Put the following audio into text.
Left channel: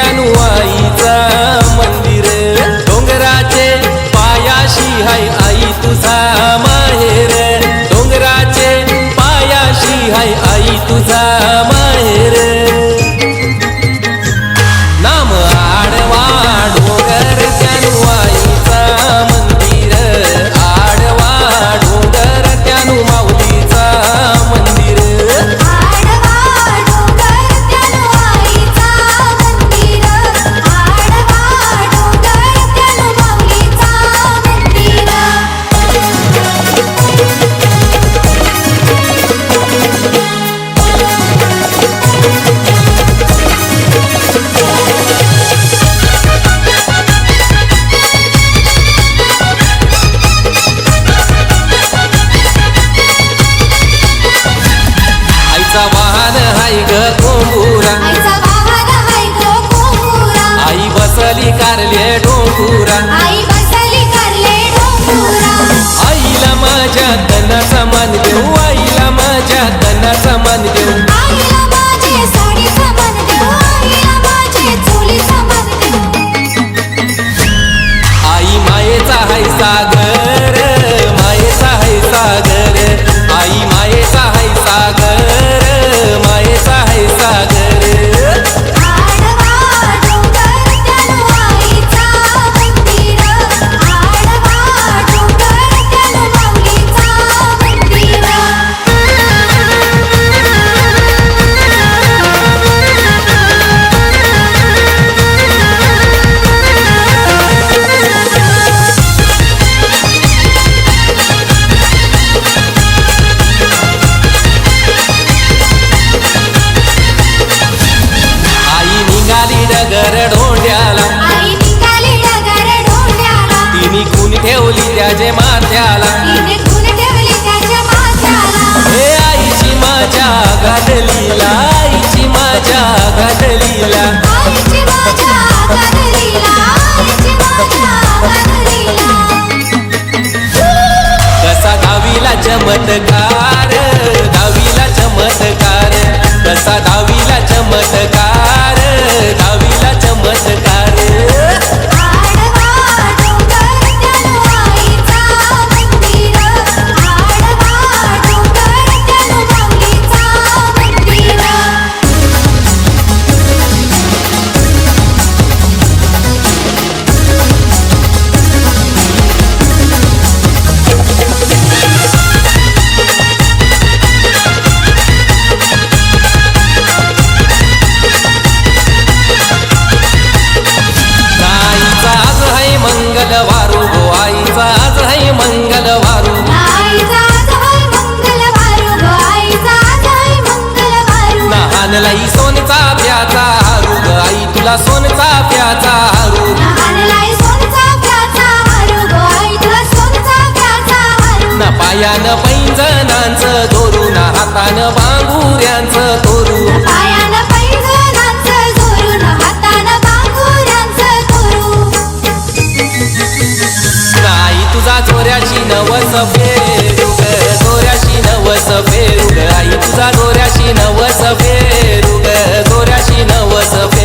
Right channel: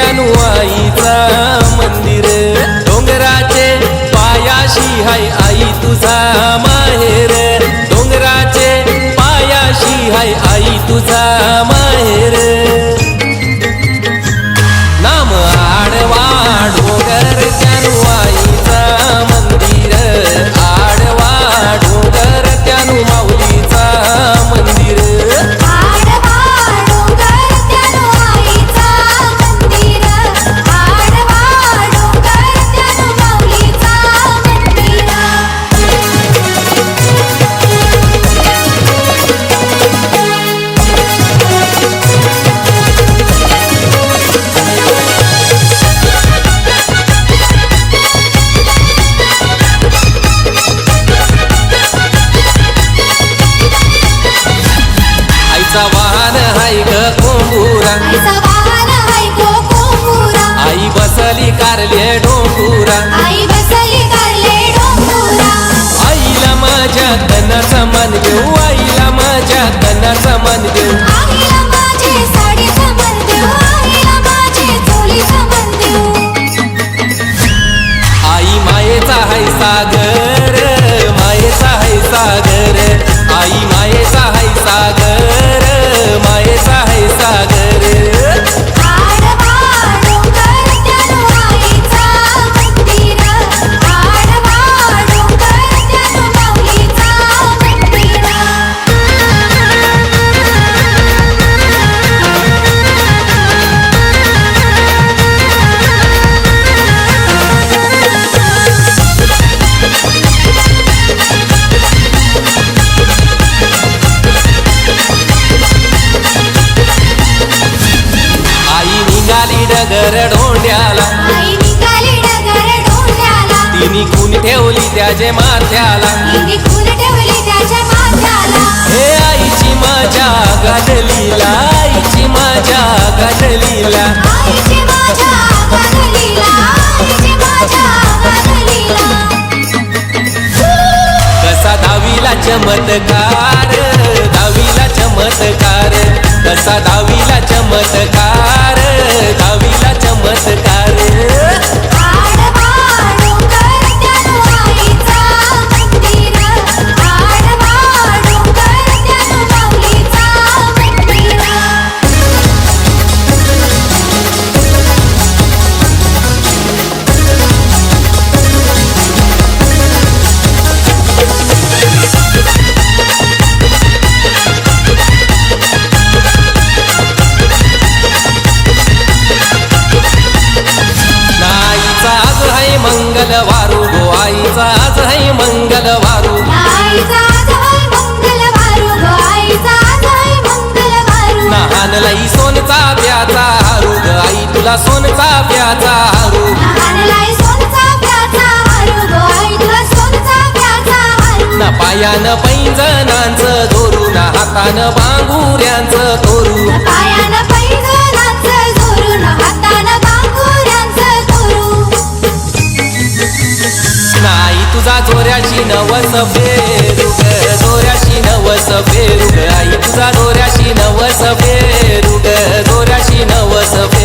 त्यानु आईचा मंदिर, डोंगराचे पायाशी हाय आई तुझा माहेर, डोंगराचे पायाशी हाय आई तुझा माहेर. नाम आडवा डोंगर त्यानु आईचा मंदिर, आडवा डोंगर त्यानु माऊलीचा मंदिर. आईचा वाहन हाय ग कोंबुरा, आईचा वाहन हाय ग कोंबुरा, आई बसली कारले डोंगुरा, आई बसली कारले डोंगुरा. आईला माझ्या कणाचा मान देऊ, आईला माझ्या कणाचा मान देऊ. आईला माझे साडीचा मान देऊ, आईला माझे चोलीचा मान देऊ. आई मायेचा हाय सागर, मायेचा हाय सागर, आई मायेचा हाय सागर, मायेचा हाय सागर. आडवा डोंगर त्यानु आईचा मंदिर, आडवा डोंगर त्यानु माऊलीचा मंदिर. आई निघाली डगर ढोंड्याला, आई निघाली डगर डोंड्याला, तिने खून ठेवली त्याचे माथ्याला. तिने खून ठेवली त्याच्या माथ्याला. हे आईची माझ्या गादलीला, आईची माझ्या गादलीला. आईची माझ्या गादलीला, आईची माझ्या गादलीला. कसा दहावीला चमत्कार, दहावीला चमत्कार, कसा दहावीला चमत्कार, दहावीला चमत्कार. आडवा डोंगर त्यानु आईचा मंदिर, आडवा डोंगर त्यानु माऊलीचा मंदिर. आईचा आज है मंगलवारू गो, आईचा आज है मंगलवारू. आईचा आज हाय मंगलवारू गो, आईचा आज हाय मंगलवारू. लहानलाई सोनचा प्याचा हारू ग, आई तुला सोनचा प्याचा हारू. लहानलाई सोनचा प्याचा हारू गो, आई तुला सोनचा प्याचा हारू. ना पायानं पैंजणांचं दोरू, ना हातानं बांगुऱ्यांचं तोरू. पायानं पैंजणांचं जोरून, हातानं बांगुऱ्यांचं तोरू. आई तुझा जोऱ्याशी नवस फेरू ग, जोऱ्याशी नवस फेरू ग, आई तुझा जोऱ्याशी नवस फेरू ग, जोऱ्याशी नवस फेरू.